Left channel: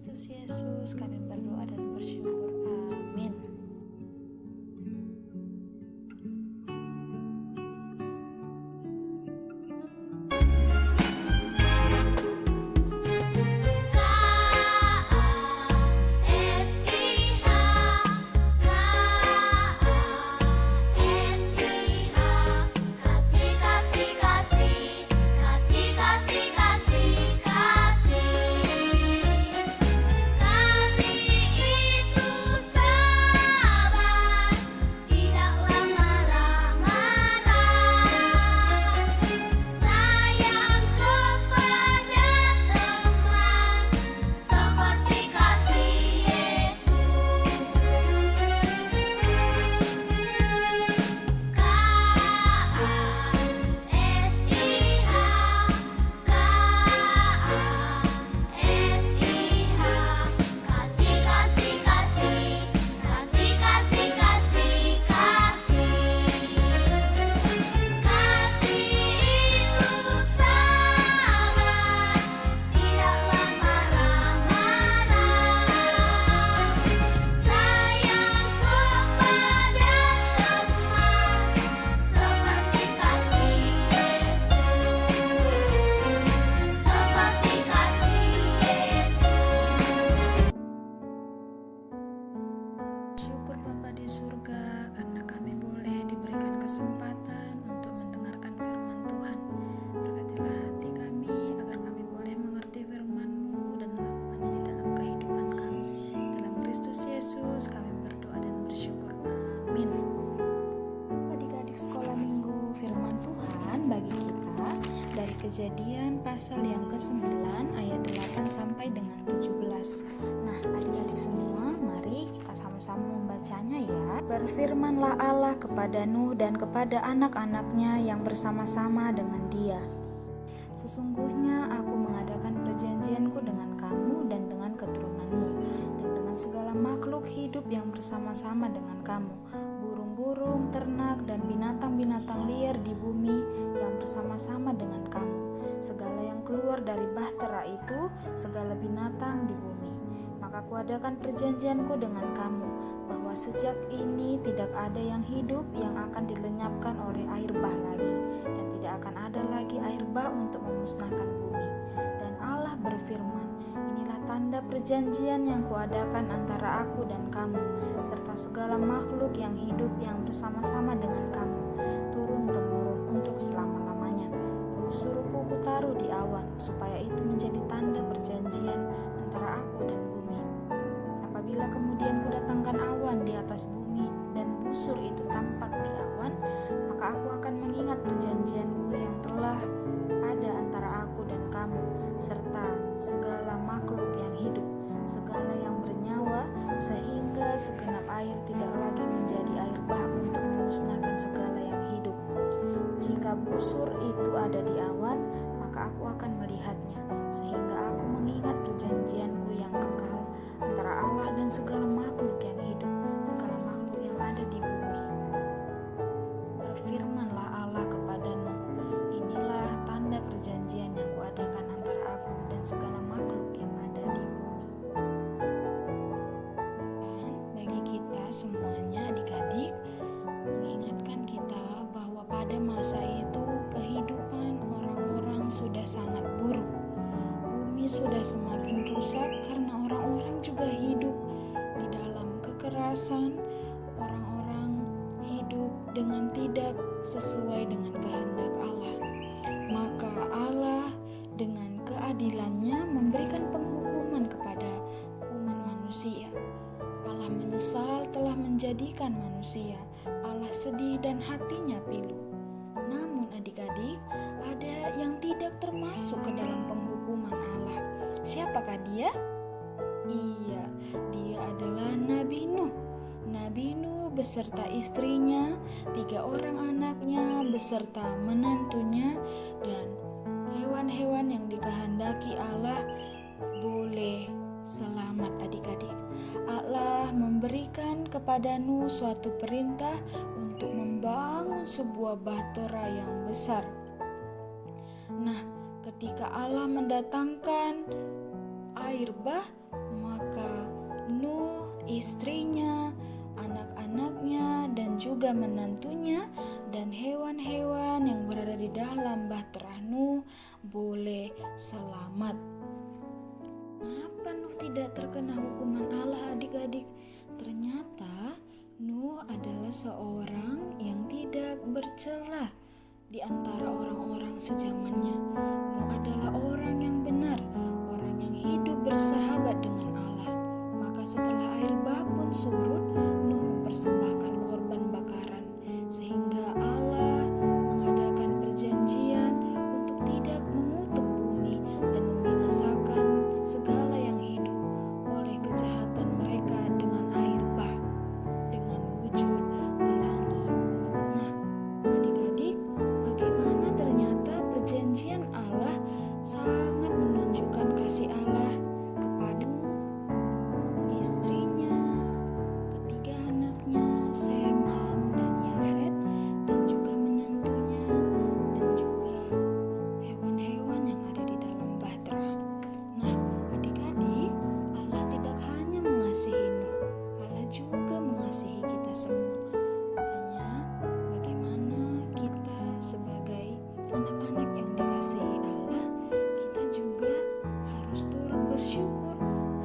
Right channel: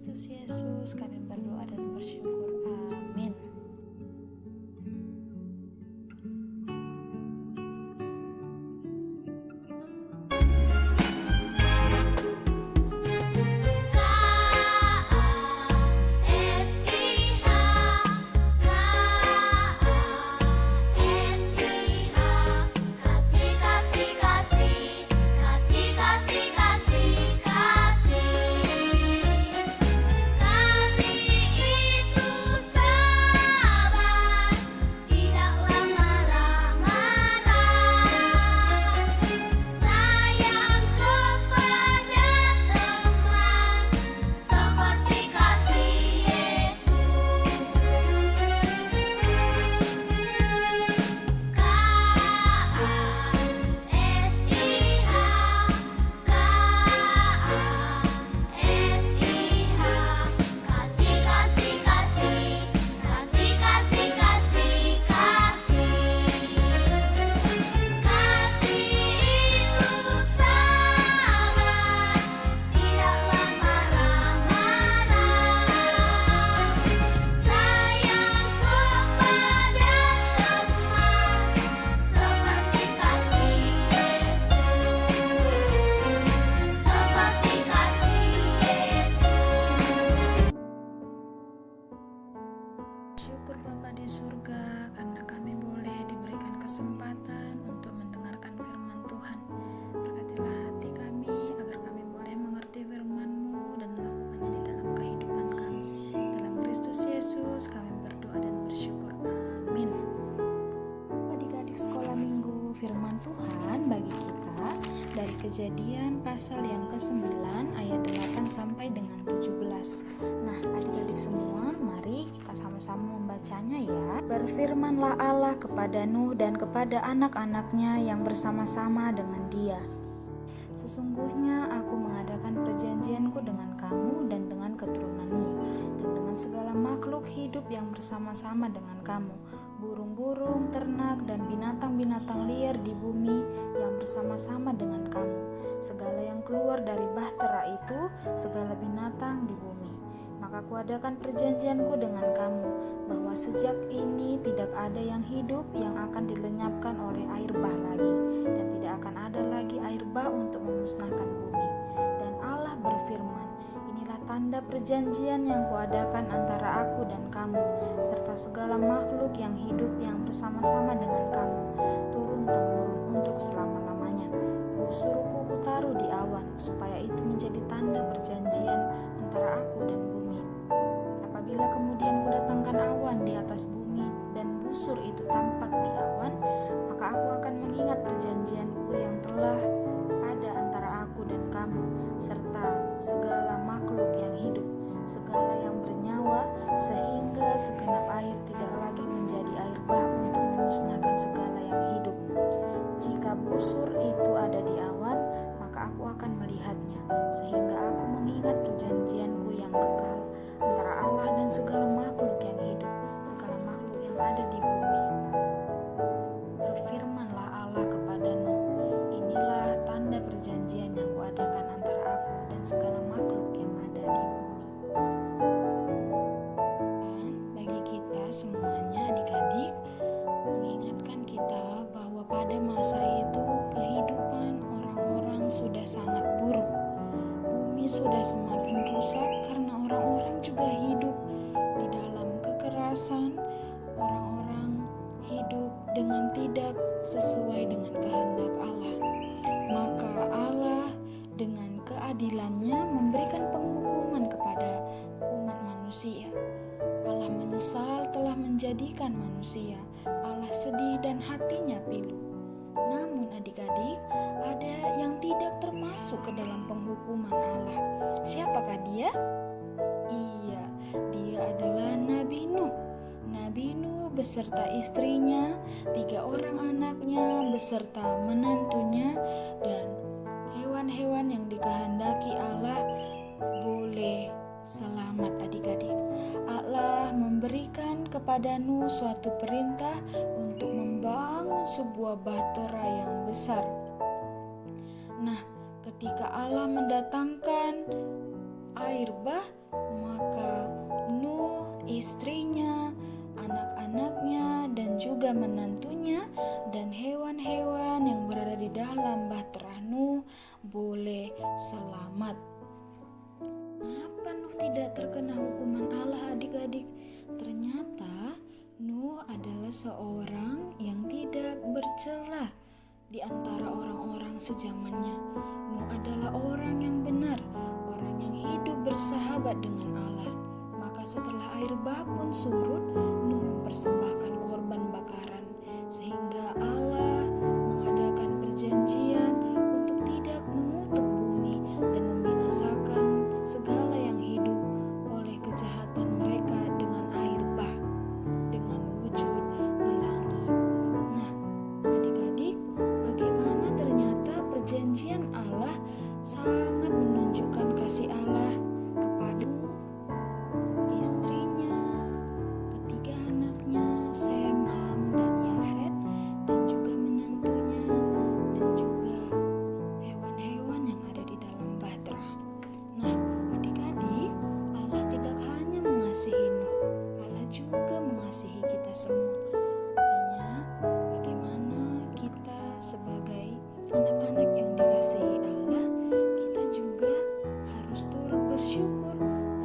Kristus Yesus kami berdoa dan bersyukur. Amin. Syukur Bapa di surga karena kami boleh diberikan kesempatan untuk mendengarkan firman Tuhan. Berkatilah hati kami agar kami boleh mengerti firman-Mu dan melakukannya di dalam kehidupan kami. Dalam Kristus Yesus kami berdoa dan bersyukur. Amin. Adik-adik sekolah minggu, firman Tuhan bagi kita dari Kejadian pasal yang ke-9 ayat 8 sampai dengan 17. Nah, adik-adik semua, mari kita sama-sama membacanya ya. Berfirmanlah Allah kepada Nuh dan kepada anak-anaknya yang bersama-sama dengan dia. Sesungguhnya aku mengadakan perjanjianku dengan kamu dan dengan keturunanmu, dan dengan segala makhluk hidup yang bersama-sama dengan kamu, burung-burung, ternak, dan binatang-binatang liar di bumi yang bersama-sama dengan kamu, segala yang keluar dari bahtera itu, segala binatang di bumi. Maka kuadakan perjanjianku dengan kamu, bahwa sejak ini tidak ada yang hidup yang akan dilenyapkan oleh air bah lagi, dan tidak akan ada lagi air bah untuk memusnahkan bumi. Dan Allah berfirman, inilah tanda perjanjian yang kuadakan antara aku dan kamu, serta segala makhluk yang hidup yang bersama-sama dengan kamu, turun-temurun untuk selama-lamanya. Busurku kutaruh di awan, supaya itu menjadi tanda perjanjian antara aku dan bumi. Apabila kemudian kudatangkan awan di atas bumi, dan busur itu tampak di awan, maka aku akan mengingat perjanjianku yang telah ada antara aku dan kamu, serta segala makhluk yang hidup, segala yang bernyawa, sehingga segenap air tidak lagi menjadi air bah untuk memusnahkan segala yang hidup. Jika busur itu ada di awan, maka aku akan melihatnya, sehingga aku mengingat perjanjianku yang kekal antara Allah dan segala makhluk yang hidup, segala makhluk yang ada di bumi. Berfirmanlah Allah kepada Nuh, inilah tanda perjanjian yang kuadakan antara aku dan segala makhluk yang ada di bumi. Dan bagi kita semuanya adik-adik, mengingatkan kita bahwa pada masa itu kehidupan orang-orang sudah sangat buruk. Bumi sudah semakin rusak karena orang-orang juga hidup di dalam kekerasan. Orang-orang hidup dengan tidak sesuai dengan kehendak Allah. Maka Allah dengan keadilannya memberikan penghukuman kepada umat manusia. Allah menyesal telah menjadikan manusia. Allah sedih dan hatinya pilu. Namun adik-adik, ada yang tidak termasuk ke dalam penghukuman Allah. Siapakah dia? Iya, dia adalah Nabi Nuh. Nabi Nuh beserta istrinya, 3 orang anaknya beserta menantunya, dan hewan-hewan yang dikehendaki Allah boleh selamat adik-adik. Allah memberikan kepada Nuh suatu perintah untuk membangun sebuah bahtera yang besar. Nah, ketika Allah mendatangkan air bah, maka Nuh, istrinya, anak-anaknya, dan juga menantunya, dan hewan-hewan yang berada di dalam bahtera Nuh boleh selamat. Kenapa Nuh tidak terkena hukuman Allah, adik-adik? Ternyata Nuh adalah seorang yang tidak bercela di antara orang-orang sezamannya. Nuh adalah orang yang benar, orang yang hidup bersahabat dengan Allah. Maka setelah air bah pun surut, Nuh mempersembahkan korban bakaran, sehingga Allah mengadakan perjanjian untuk tidak mengutuk bumi dan membinasakan segala yang hidup oleh kejahatan mereka dengan air bah, dengan wujud pelangi. Nah, adik-adik, bagaimana ternyata perjanjian Allah sangat menunjukkan kasih Allah kepada istrinya, ketiga anaknya, Sem, Ham, dan Yafet, dan juga menantunya, dan juga hewan-hewan yang ada di dalam bahtera. Nah, adik-adik, Allah tidak hanya mengasihi Nuh, Allah juga mengasihi kita semua. Hanya bagaimana kita sebagai anak-anak yang dikasihi Allah, kita juga harus turut bersyukur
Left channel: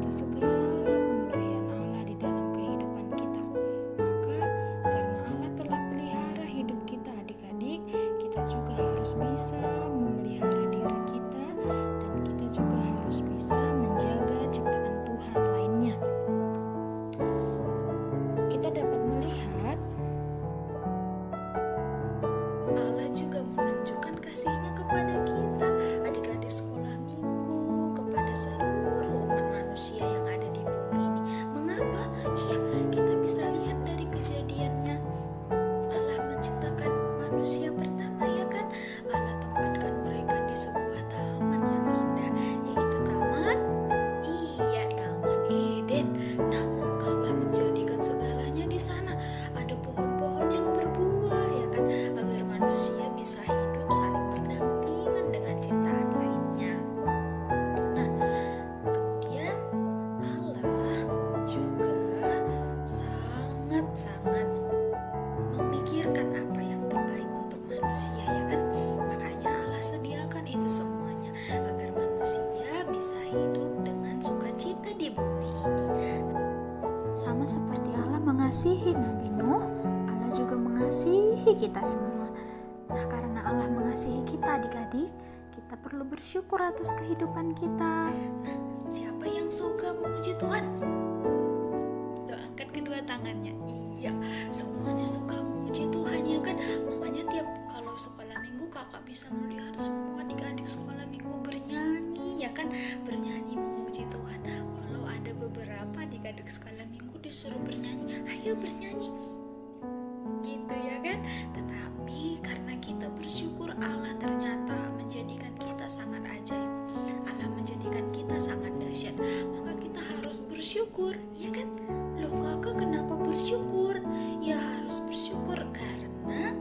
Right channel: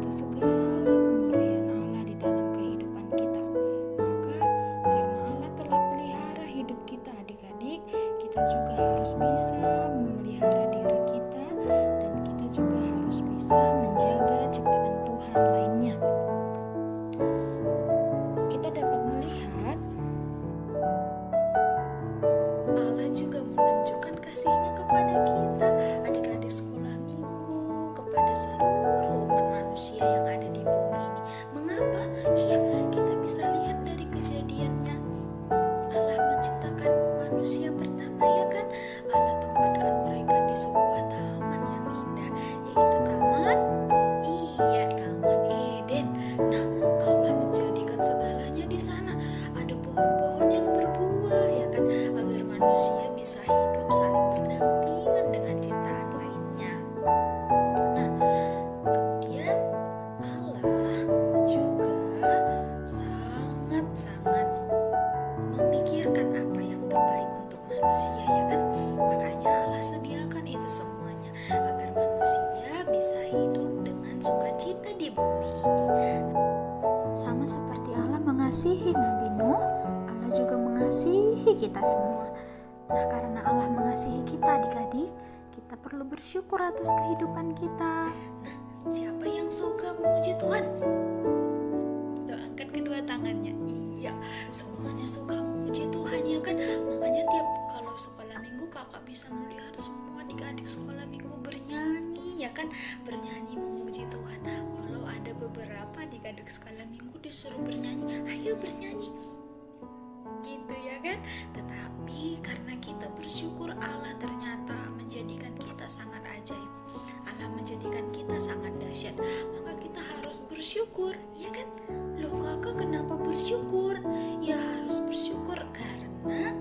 atas segala pemberian Allah di dalam kehidupan kita. Maka karena Allah telah pelihara hidup kita, adik-adik, kita juga harus bisa memelihara diri kita, dan kita juga harus bisa menjaga ciptaan Tuhan lainnya. Kita dapat melihat Allah juga menunjukkan kasih-Nya kepada kita, adik-adik sekolah minggu, kepada seluruh umat manusia yang ada di bumi ini. Mengapa? Iya, kita bisa lihat dari kejadiannya. Allah menciptakan manusia pertama, ya kan? Allah tempatkan mereka di sebuah taman yang indah, yaitu Taman Eden. Nah, Allah menjadikan segalanya di sana. Ada pohon-pohon yang berbuah, ya kan? Agar manusia bisa hidup saling berdampingan dengan ciptaan lainnya. Nah, kemudian Allah juga sangat-sangat memikirkan apa yang terbaik untuk manusia, ya kan? Makanya Allah sediakan itu semuanya agar manusia bisa hidup dengan sukacita di bumi ini. Sama seperti Allah mengasihi Nabi Nuh, Allah juga mengasihi kita semua. Nah, karena Allah mengasihi kita, adik-adik, kita perlu bersyukur atas kehidupan kita. Nah, siapa yang suka memuji Tuhan? Loh, angkat kedua tangannya. Iya, semuanya suka memuji Tuhan, ya kan? Makanya tiap kalau sekolah minggu kakak bisa melihat semua adik-adik sekolah minggu bernyanyi, ya kan? Bernyanyi memuji Tuhan. Walau ada beberapa adik-adik sekolah minggu disuruh bernyanyi, ayo bernyanyi, gitu ya kan? Tetapi karena kita bersyukur, Allah ternyata menjadikan kita sangat ajaib, Allah menjadikan kita sangat dahsyat, maka kita harus bersyukur, ya kan? Loh kakak, kenapa bersyukur? Ya harus bersyukur karena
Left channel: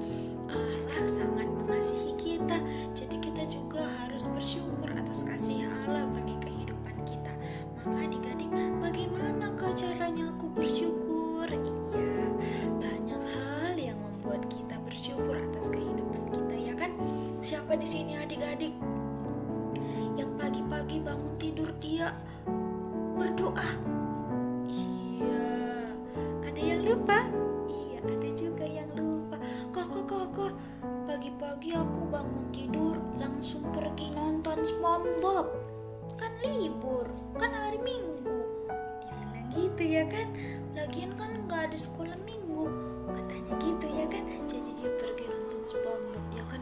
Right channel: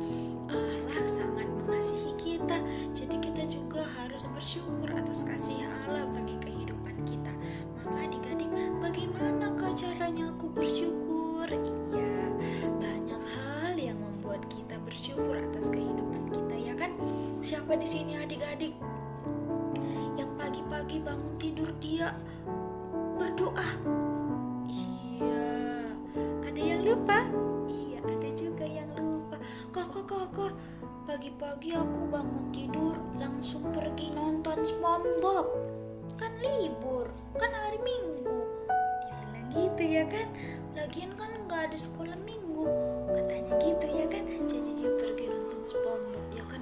Allah sangat mengasihi kita. Jadi kita juga harus bersyukur atas kasih Allah bagi kehidupan kita. Maka adik-adik, bagaimana caranya aku bersyukur? Iya, banyak hal yang membuat kita bersyukur atas kehidupan kita, ya kan? Siapa di sini adik-adik yang pagi-pagi bangun tidur dia berdoa? Iya, ada yang lupa? Iya, ada juga yang lupa. Kakak, pagi-pagi aku bangun tidur langsung pergi nonton SpongeBob. Kan libur, kan hari Minggu. Dia bilang gitu, ya kan? Lagian kan gak ada sekolah minggu, katanya gitu, ya kan? Jadi dia pergi nonton SpongeBob, ya kan?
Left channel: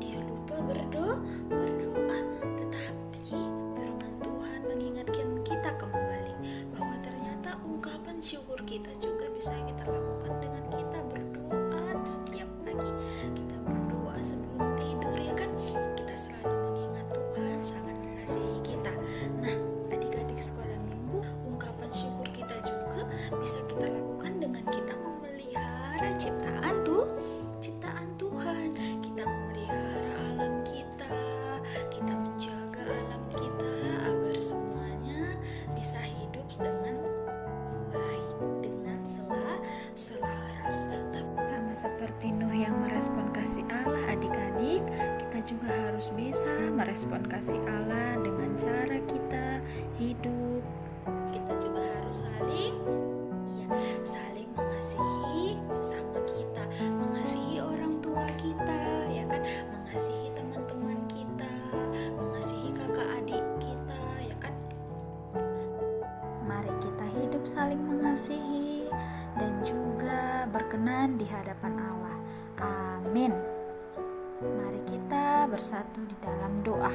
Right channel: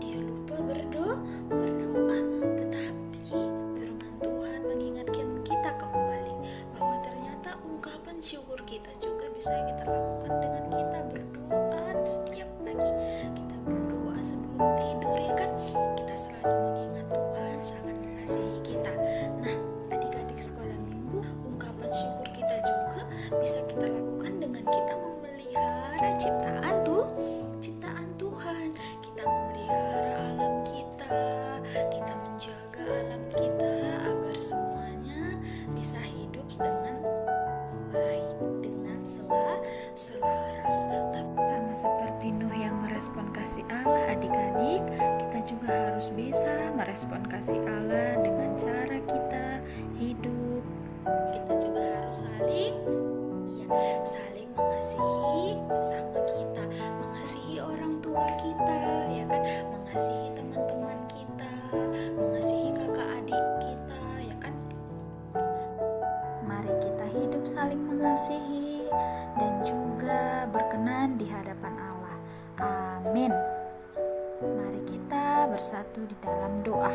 Dia lupa berdoa. Tetapi firman Tuhan mengingatkan kita kembali bahwa ternyata ungkapan syukur kita juga bisa kita lakukan dengan kita berdoa setiap pagi. Kita berdoa sebelum tidur, ya kan? Kita selalu mengingat Tuhan sangat mengasihi kita. Nah, adik-adik sekolah minggu, ungkapan syukur kita juga bisa kita lakukan dengan kita memelihara ciptaan Tuhan. Kita memelihara alam kita menjaga alam kita agar semuanya juga harus bisa merespon kasih Allah dengan cara kita hidup. Kita juga harus saling mengasihi sesama kita, mengasihi orang tua kita, ya kan, mengasihi teman-teman kita, mengasihi kakak adik kita, ya kan. Mari kita hidup saling mengasihi dan juga berkenan di hadapan Allah. Amin. Mari kita bersatu di dalam doa.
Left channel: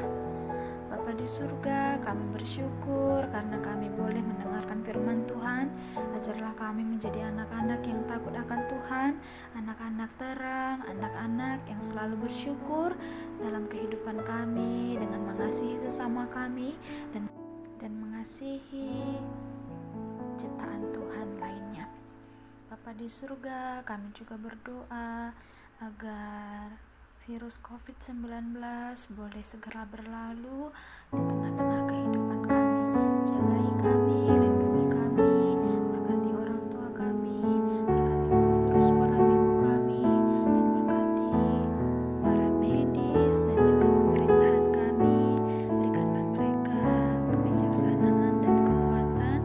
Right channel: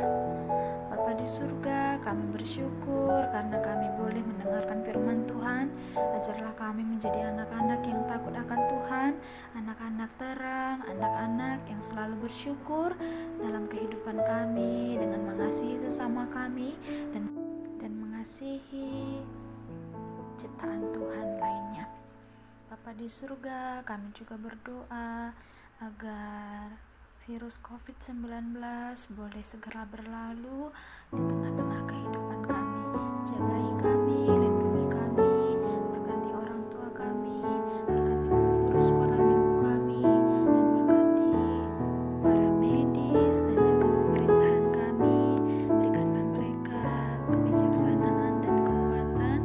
Bapa di surga, kami bersyukur karena kami boleh mendengarkan firman Tuhan. Ajarlah kami menjadi anak-anak yang takut akan Tuhan, anak-anak terang, anak-anak yang selalu bersyukur dalam kehidupan kami dengan mengasihi sesama kami dan mengasihi ciptaan Tuhan lainnya. Bapa di surga, kami juga berdoa agar virus COVID-19 boleh segera berlalu di tengah-tengah kehidupan kami. Jagai kami, lindungi kami, berkati orang tua kami, berkati guru-guru sekolah minggu kami, dan berkati para medis dan juga pemerintahan kami. Berikanlah mereka kebijaksanaan dan kekuatan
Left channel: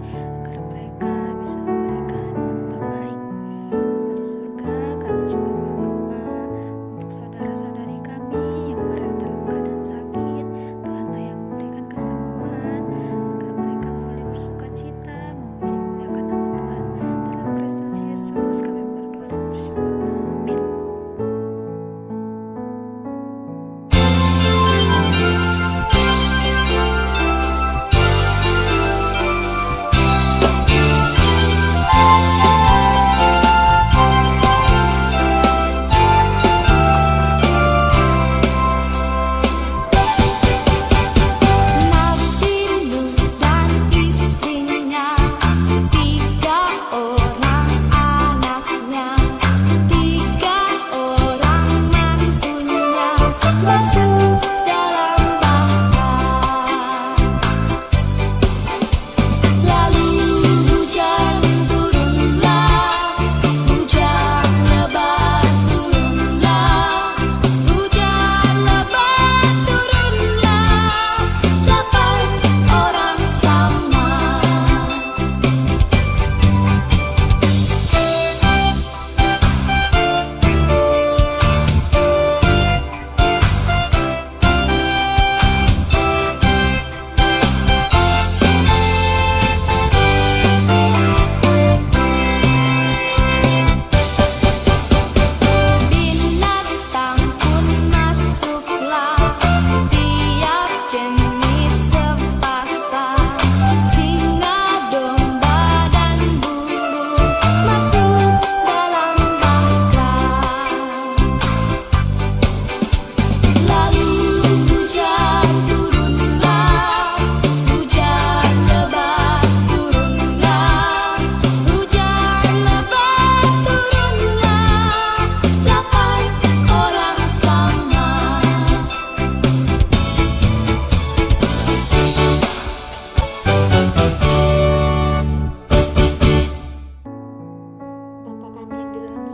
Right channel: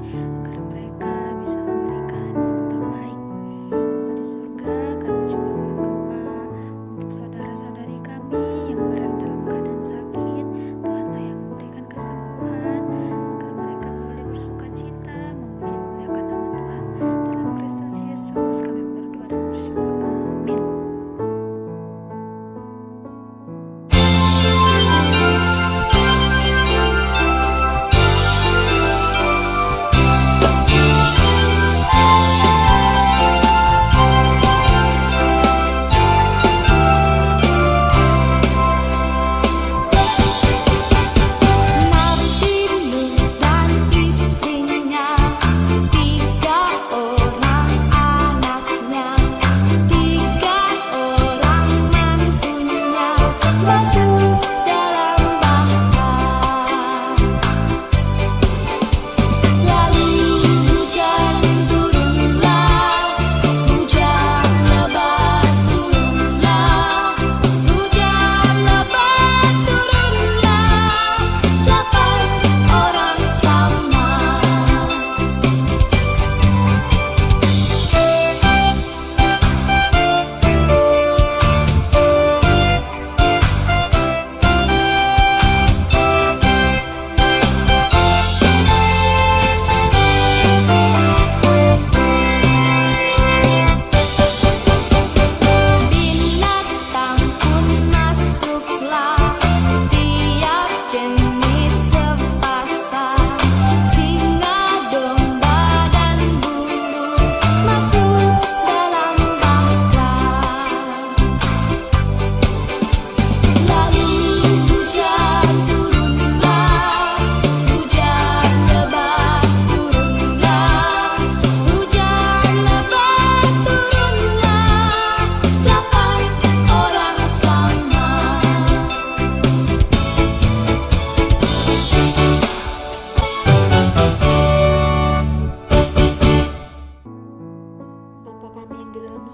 agar mereka bisa memberikan yang terbaik. Bapa di surga, kami juga berdoa untuk saudara-saudari kami yang berada dalam keadaan sakit. Tuhanlah yang memberikan kesembuhan agar mereka boleh bersukacita memuji memuliakan nama Tuhan. Dalam Kristus Yesus kami berdoa dan bersyukur. Amin.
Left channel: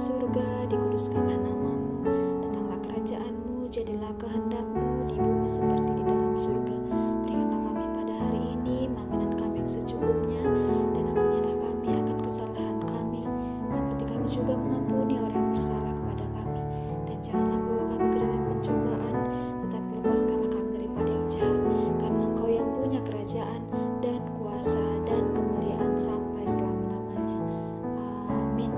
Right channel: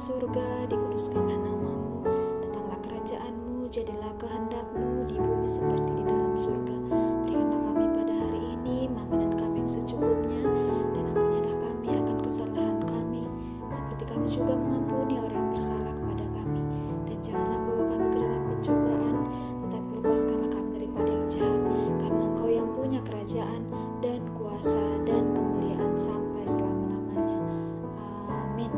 surga, dikuduskanlah namamu, datanglah kerajaanmu, jadilah kehendakmu di bumi seperti di dalam surga. Berikanlah kami pada hari ini makanan kami yang secukupnya, dan ampunilah kami akan kesalahan kami, seperti kami juga mengampuni orang yang bersalah kepada kami. Dan janganlah bawa kami ke dalam pencobaan, tetapi lepaskanlah kami daripada yang jahat, karena Engkau yang punya kerajaan dan kuasa dan kemuliaan sampai selama-lamanya. Amin.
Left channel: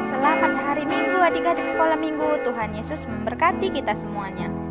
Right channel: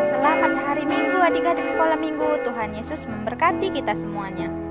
Selamat hari Minggu adik-adik sekolah minggu. Tuhan Yesus memberkati kita semuanya.